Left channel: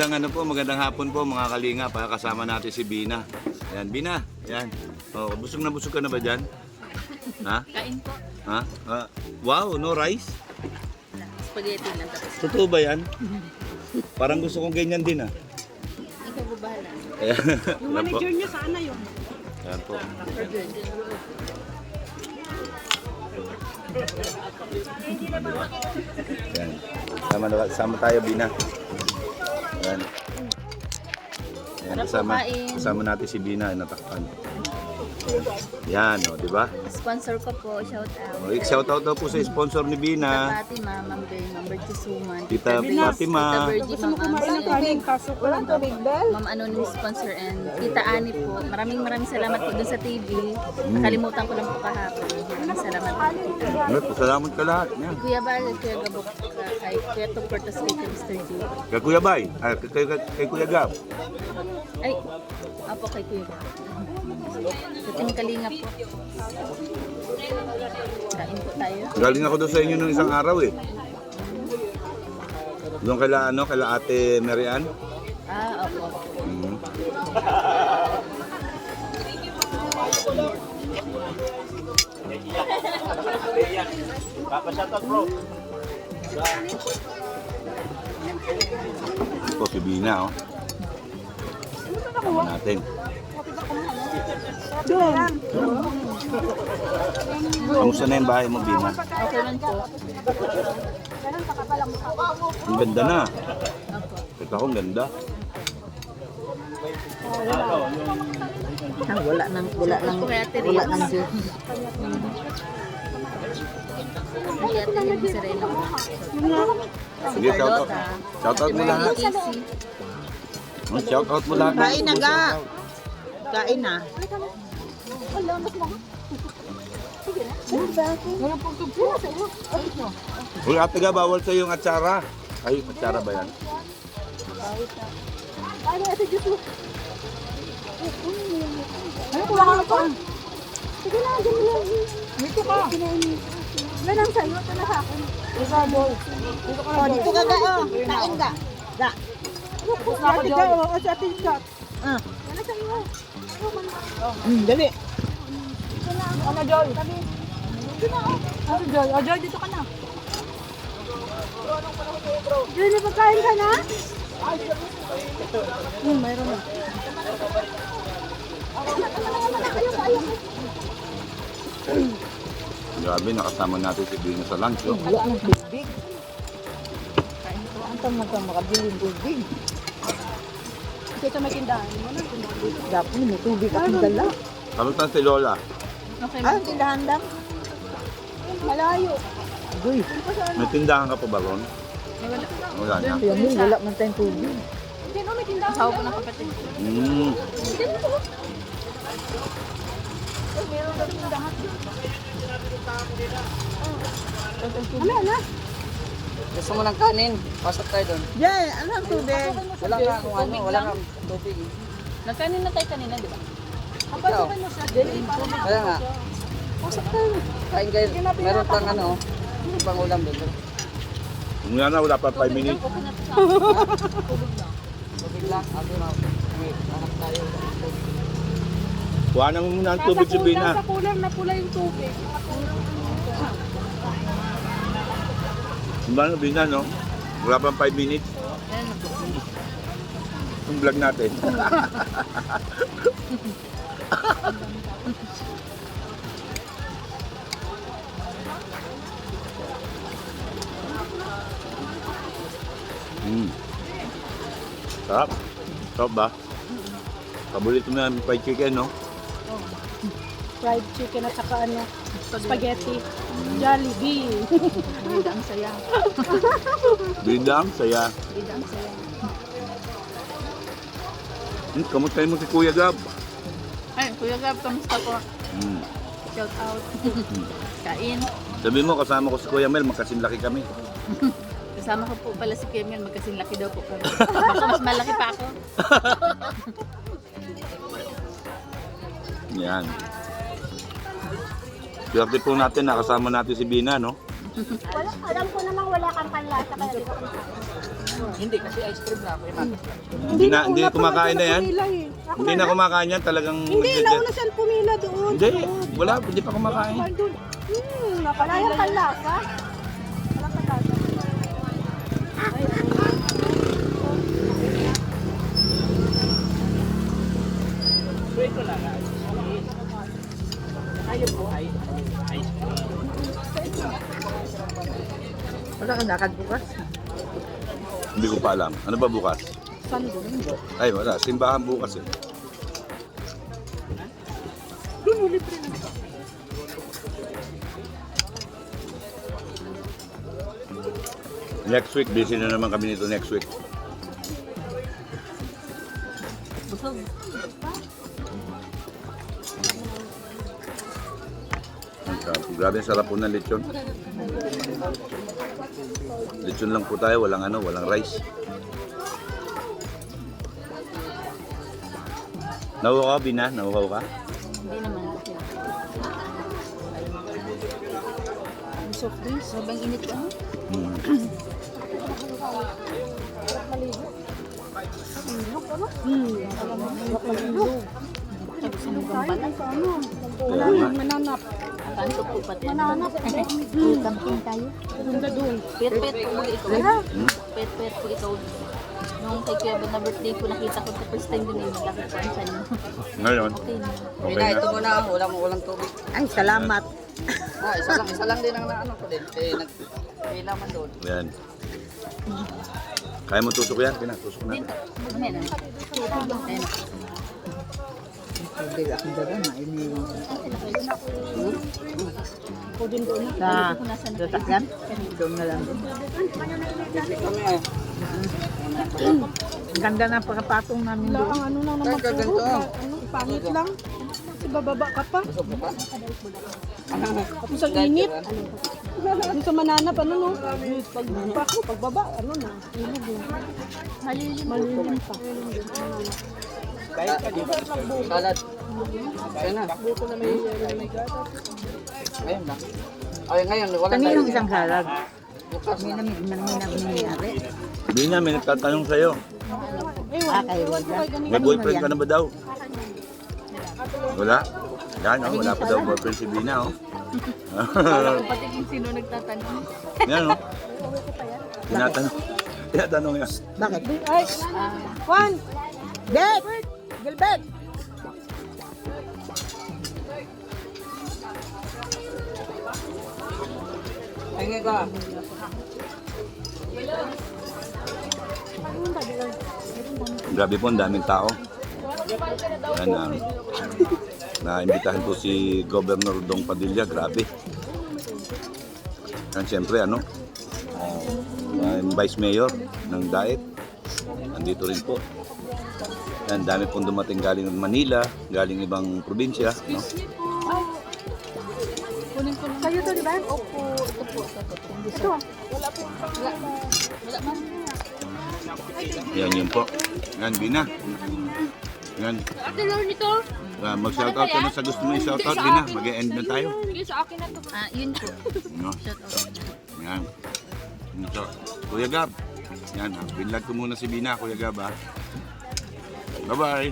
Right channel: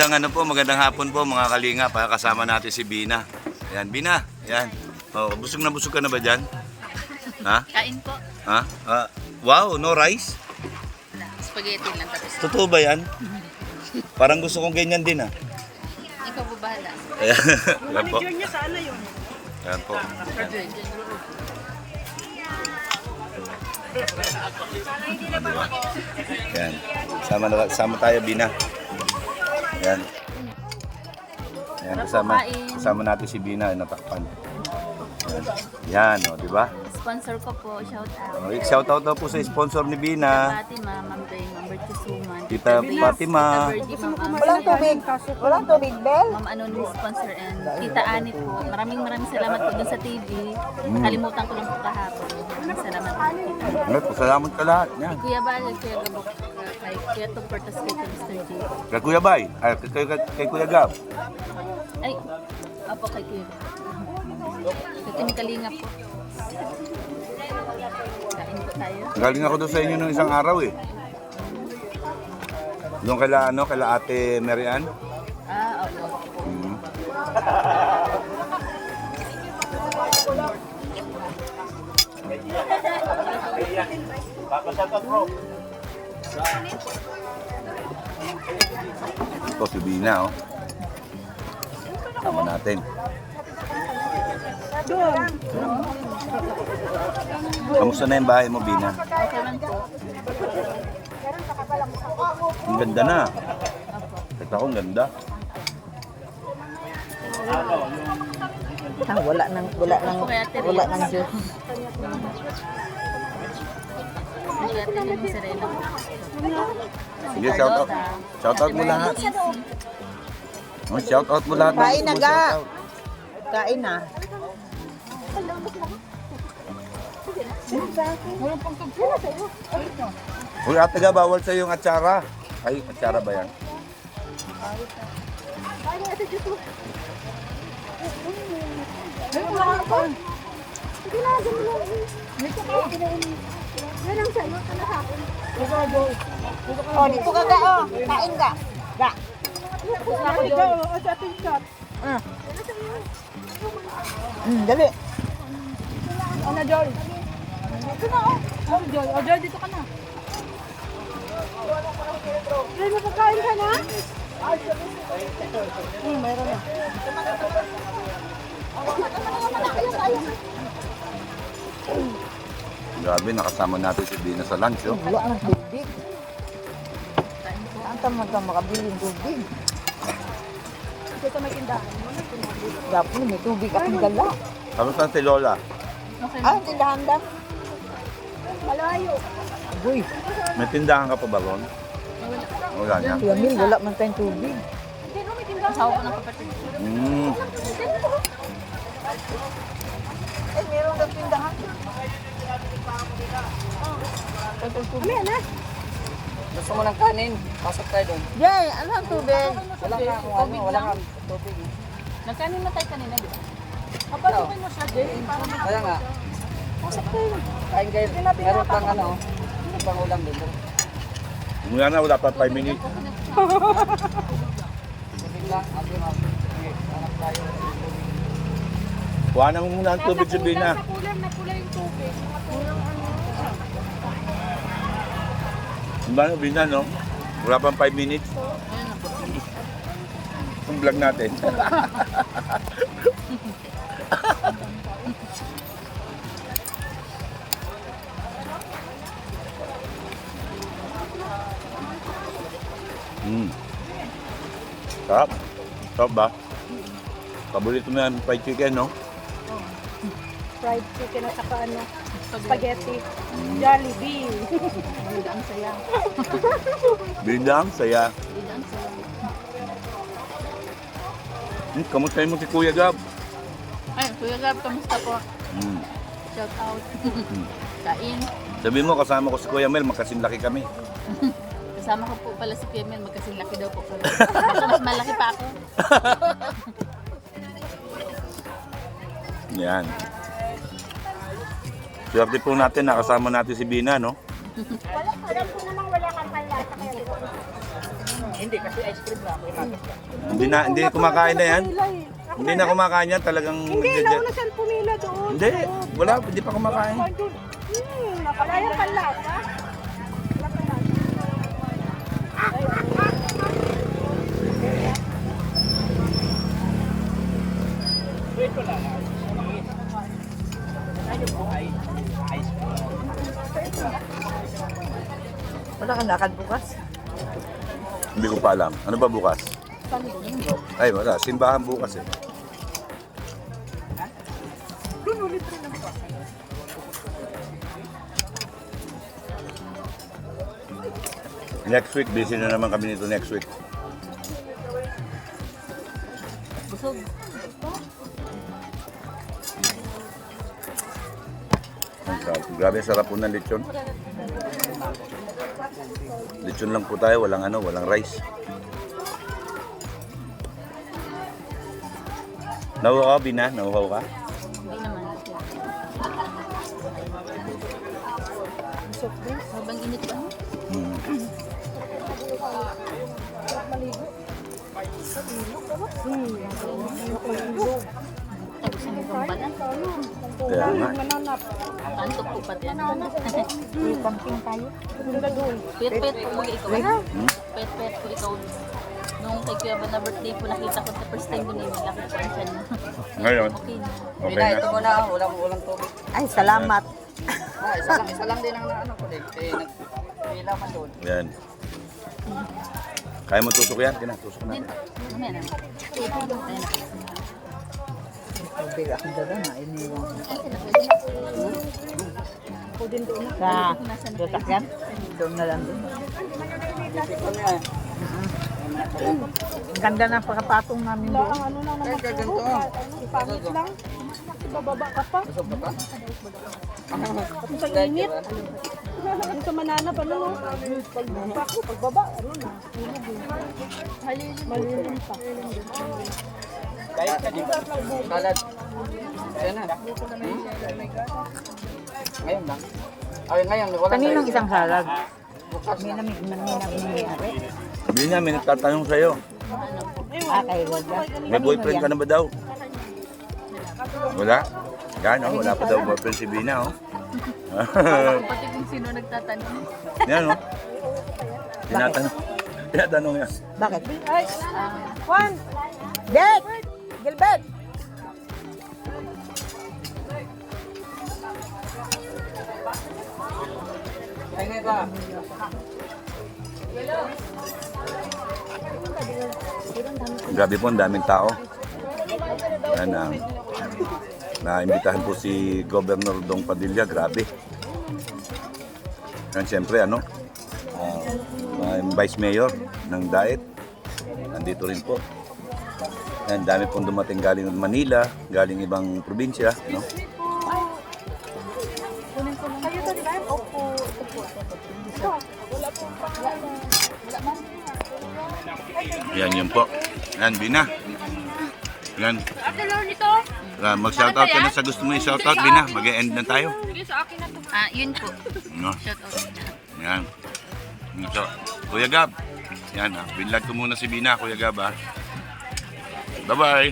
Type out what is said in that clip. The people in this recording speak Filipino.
Magandang ano po, magandang hapon po mga kalinga. Kasama natin si Bina. Yan, Bina. Yan. Oh, busog na busog ka na ba diyan? Ha? Kain po. Ha? Wow, no rice? Spaghetti lang tapos. Totoo ba yan? Parang gusto kong ganyan din ah. Ikaw po bahala. Yan po. Junior sana yun. Yan po. Yan. Sama tayo, Bina. Yan. Yan, kasama natin si Bina, natakpan. Yan, o, di ba? Sponsor ko po, shout out. O, shout-out daw po sa sponsor ni Bina. Fatima, Ma'am Bern, Ma'am Bertie Suman. Tita Fatima. Tita Bertie, Ma'am Walang tubig, pasok. Walang tubig, Bel. Ma'am Anonymous sponsor and Tita Ani po. Maraming salamat po dun sa TV. Nakalimutan ko lang po kahapon. Maraming salamat po. Tita. Salamat ka lahat. Yan. Kuya Bal, Kuya Gabok, kay Kuya Tugportas, kay Mr. J. Kay Kuya Bay, kay Kuya Gab. Ay, apo kay Kuya Gab. Sa Team Kalinga po. Kain po tayo. Galing ako doon sa inyo nung isang araw eh. Doon kaila Ate Marian. Opo. Ito si Bina oh. Tama natin. Kamusta na yung bahay mo, Bina? Okay lang po. Ang ganda na. Opo. Ito akong ganda. Wala nang Diyos. Hindi ate yung Serena. Sige, shoutout mo lahat. Shoutout mo lahat. Kain na ga. Kain na. Uy, ate ga, bawal sa yung atsara. Ay, atsara ba yan? Ay, kulangan ko. Sige na, dyan mo lang. Dito ka. Ganang sa'yo, ito na sa akin. O, dito ka ga, o. Kain ga. Ga. Ate ka, o, sa ating shop. Dali. Ano, Joy? Oh, Joy. O, Joy, dito ka na. Joy, napagkain ka na? Mayroon na. Grabe, nakasama natin si Bina sa lunch, oh. Wala ng tubig. Ang tamang ka makabiling tubig. Dito may tindahan. Dapat may tubig akong dala. Kamusta si Lola? Okay. Ah, tindahan dam. Malayo. Uy, May tindahan ka pa ba ron? Wala na. Yamil, wala man tayong tubig. Asawa ko ng kapatid. Eh, meron na tindahan. Gusto mo ng kanin? Pasok tayo doon. Yay, ano ang tubig? Wala ka kung ano, wala kang tubig. Nagkanin na tayo kanina, di ba? Papasukin mo sa day para Kaya nga, makapasok tayo. kain kayo. Meron pang ano, may pang ulam dito. Mula na, wala pa 5 minutes. Okay na to sa Tubig lang, ako na. Hanap tayo. Kuha na muna ang tubig si Bina. Sa kulang na pula yung tubig. Ano, Bina, no? Wala pang 5 minutes. Itong vlog natin. Sarap. Sarap ba? Paborito mo yung fried chicken, no? Fried chicken at saka ano, spaghetti. Jollibee. Bidang saya. Bindang, saya. Bidang saya. Kamustahin mo si Kuya Gab? Ay, Kuya Gab, kamusta po? Shout out. Kain. Sabi mo, kasama ko si Kuya Mel, magkasinlaki kami. Kasama ko po pala si Kemel, magkasing laki daw po kami. Baka mas malaki pa ako. Yan. Swerte po natin, nakasama natin si Bina, no? Alam ko namang wala kang kaya. Hindi, kasi ice cream na. Hindi kumakain na yan. Pumila eh. Hindi na kumakain yan, talagang... Hindi, nauna siyang pumila doon. Hindi, wala, hindi pa kumakain. Doon. Nakapila ka. Ito lang. Ayun po ay ice cream. Wala kang lakad bukas? Hindi ko pa alam. Ano ba bukas? Ay, wala. Simbahan bukas eh. Next week, busy na naman kami nito next week. Busog. Ang sarap. Grabe, sarap po ng lechon. Lechon lang po tayo, walang walang rice. Nahuhaw ka, Bina? Nahuhaw ka? Hindi naman. Sobrang init ba? Hmm. Tapos ang gambalan. Kaya nga. Kanto po pati ano. Camping tayo. Pet-pet po mga ikaw. Hmm? Pet-pet po ikaw. Nung kay Kuya Ban na birthday po, nakita ko sa first time doon eh, malaki po ang tiyan. Ngayon, Okay na. okay Ito na. mo na, walang tubig. Ay, salamat. Isa lang din ang naano ko din. Eh, may laman doon. Yan. Kaya mo tusok yan? Bina, tusok na. Dito. Mamaya na. Ayan na. Tubig akong daga na. Iniwan ko. Pwede doon. Sa Nasa na sasakyan? Doon na lang din. Kami ay. Ang ganda ng pagkapatong namin doon. Ano na naman. Kahit ganito. Pangit lang. Ibababa ka pa. Busog ka pa? Tapos ang init. Yung sa mananap, ano no? Pagbaba, ano na? Malilim pa. Kahit ka di ba? Salad. Kaya na. Ngayon lang. Ay, ngayon, wala Kaninong isang salad? Bukas May na. nangyayari. Bina, may nagtatanong sa'yo. Kay Wanda. May boyfriend ka na ba daw? Wala? Yan, wala pa daw boyfriend si Bina, oh. Pati kung sino nagtatanong. Yan, oh. Tinatanong yan. Bakit? Ay, Juan! Dek! Gilbert! Tingin ka. Grabe po, ang daming tao. Yan, naimbitahan po si Governor Dong Padilla, grabe. Yan, siyempre, Vice Mayor ng Daet, nandito rin po. Yan, dami pong dumating galing Manila, galing ibang probinsya, no? Yan, yun po. Yan, Bina. Yan. Mag-shoutout ka na sa gusto mo i-shoutout, Bina. Mag-e-end na tayo. Yun po. No? Shout out. Yan. Ito. Kuya Gab. Yan, binlog ko muna si Bina, Kuya Gab, ha. Bye-bye.